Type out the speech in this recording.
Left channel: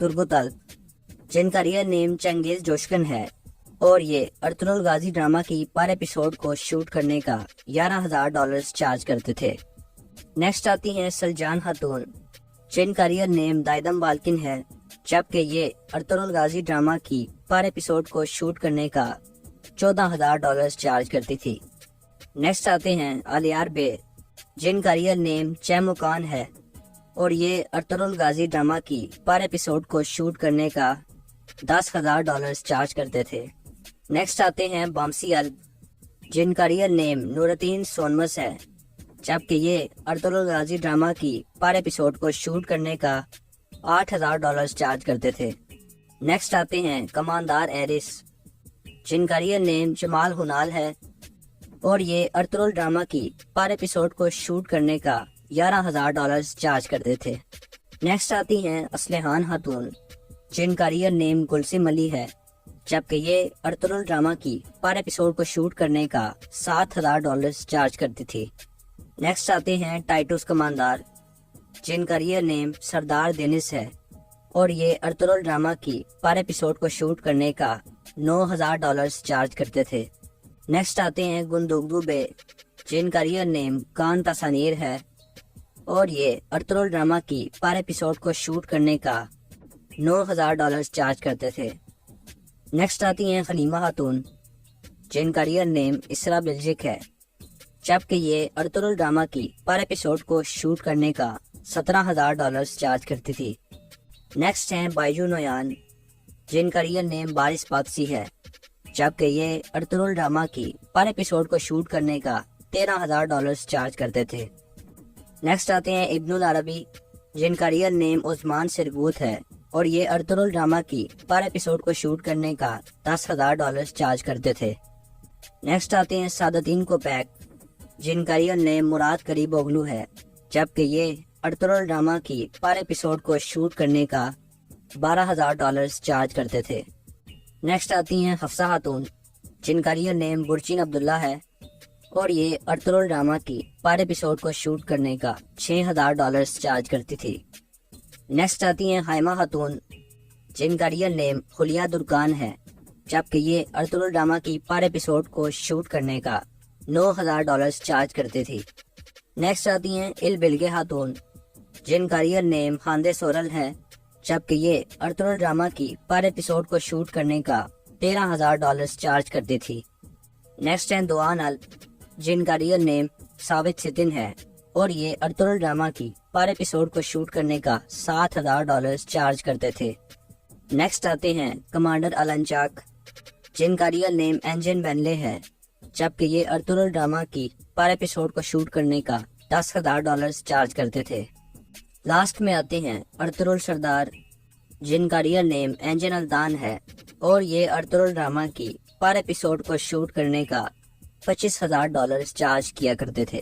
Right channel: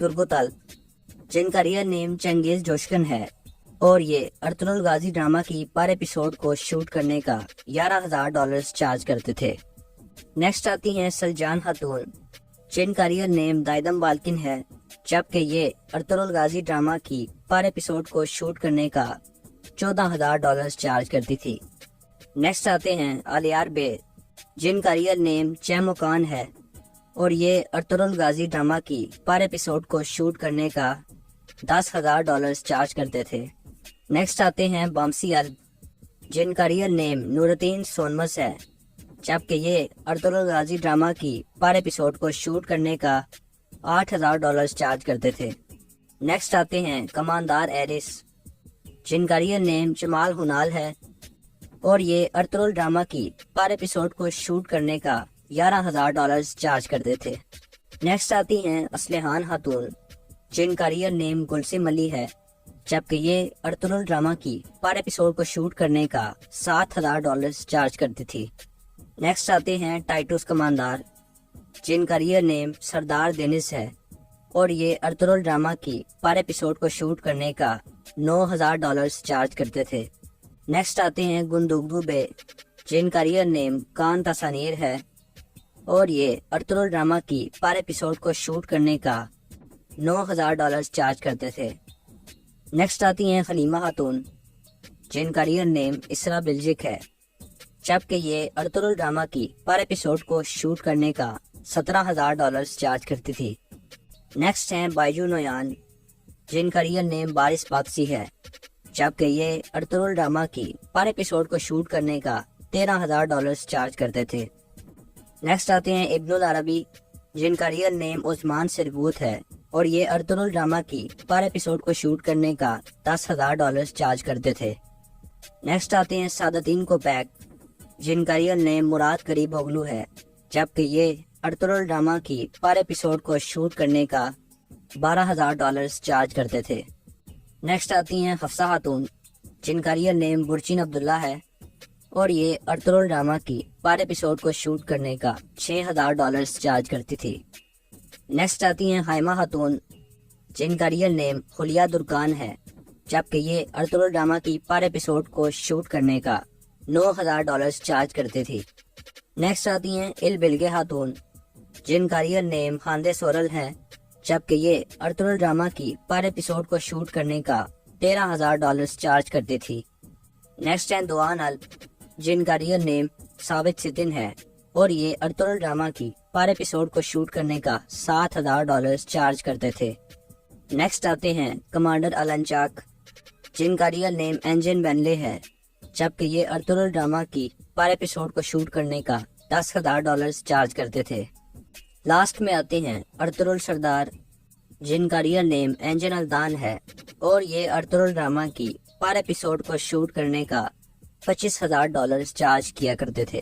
ترگتل، جن کا real name چنگیز جوشکن ہے، اور یہ ارطغرل غازی ڈرامہ کی پر ایپیسوڈ کو شوٹ کرنے کا $11,000 چارج کرتے تھے۔ نیکسٹ آتی ہیں سلجان خاتون، جن کا ریئل نیم دائدم بالکن ہے، جبکہ یہ ارطغرل غازی ڈرامہ کی پر ایپیسوڈ کو شوٹ کرنے کا $14,000 چارج کرتی تھی۔ نیکسٹ آتے ہیں آلیار بے، جن کا ریئل نیم چیموکان ہے، اور یہ ارطغرل غازی ڈرامہ کی پر ایپیسوڈ کو شوٹ کرنے کا $10,000 چارج کرتے تھے۔ نیکسٹ آتے ہیں بامسی الب، جن کا ریئل نیم نورالدین سونمس ہے، جبکہ یہ ارطغرل غازی ڈرامہ کی پر ایپیسوڈ کو شوٹ کرنے کا $8,000 چارج کرتے تھے۔ نیکسٹ آتے ہیں کماندار ایرس، جن کا ریئل نیم جمال ہنال ہے، اور یہ ارطغرل ڈرامہ کی پر ایپیسوڈ کو شوٹ کرنے کا $11,000 چارج کرتے تھے۔ نیکسٹ آتی ہیں اسلحان خاتون، جن کا ریئل نیم گلسم علی ہے، جبکہ یہ ارطغرل ڈرامہ کی پر ایپیسوڈ کو شوٹ کرنے کا $7,000 چارج کرتی تھی۔ نیکسٹ آتے ہیں ٹائٹوس کماندار، جن کا ریئل نیم سردار دینس ہے، اور یہ ارطغرل ڈرامہ کی پر ایپیسوڈ کو شوٹ کرنے کا $9,000 چارج کرتے تھے۔ نیکسٹ آتے ہیں گندوگدو بے، جن کا ریئل نیم کان تسانیر ہے، اور یہ ارطغرل ڈرامہ کی پر ایپیسوڈ کو شوٹ کرنے کا $9,000 چارج کرتے تھے۔ نیکسٹ آتی ہیں خلیمہ خاتون، جن کا ریئل نیم اسرا بلجک ہے، جبکہ یہ ارطغرل ڈرامہ کی پر ایپیسوڈ کو شوٹ کرنے کا $17,000 چارج کرتی تھی۔ نیکسٹ ہیں بائجو نویان، جن کا ریئل نیم بارش پاکسی ہے، جبکہ یہ ارطغرل ڈرامہ کی پر ایپیسوڈ کو شوٹ کرنے کا $13,000 چارج کرتے تھے۔ نیکسٹ آتے ہیں ابن العربی، جن کا ریئل نیم عثمان سرگوت ہے، اور یہ ارطغرل ڈرامہ کی پر ایپیسوڈ کو شوٹ کرنے کا $10,000 چارج کرتے تھے۔ نیکسٹ آتے ہیں سعادتین کوپیک، جن کا ریئل نیم مراد قریب اوغلو ہے، جبکہ یہ ارطغرل ڈرامہ کی پر ایپیسوڈ کو شوٹ کرنے کا $12,000 چارج کرتے تھے۔ نیکسٹ آتی ہیں حفصہ خاتون، جن کا ریئل نیم برچین عبداللہ ہے، اور یہ ارطغرل ڈرامہ کی پر ایپیسوڈ کو شوٹ کرنے کا $6,000 چارج کرتی تھی۔ نیکسٹ آتی ہیں خائمہ خاتون، جن کا ریئل نیم خلیہ درکان ہے، جبکہ یہ ارطغرل ڈرامہ کی پر ایپیسوڈ کو شوٹ کرنے کا $9,000 چارج کرتی تھی۔ نیکسٹ آتی ہیں البلگے خاتون، جن کا ریئل نیم خاندے سورل ہے، جبکہ یہ ارطغرل ڈرامہ کی پر ایپیسوڈ کو شوٹ کرنے کا $13,000 چارج کرتی تھی۔ نیکسٹ ہیں دوان الب، جن کا ریئل نیم ثابت سکن ہے، اور یہ ارطغرل ڈرامہ کی پر ایپیسوڈ کو شوٹ کرنے کا $7,000 چارج کرتے تھے۔ نیکسٹ آتے ہیں کمانڈر النچاک، جن کا ریئل نیم انجن بینلے ہے، جبکہ یہ ارطغرل ڈرامہ کی پر ایپیسوڈ کو شوٹ کرنے کا $10,000 چارج کرتے تھے۔ لاسٹ میں آتے ہیں ارطغرل سردار، جن کا ریئل نیم انجن الدان ہے، اور یہ ارطغرل ڈرامہ کی پر ایپیسوڈ کو شوٹ کرنے کا $25,000 چارج کیا کرتے تھے۔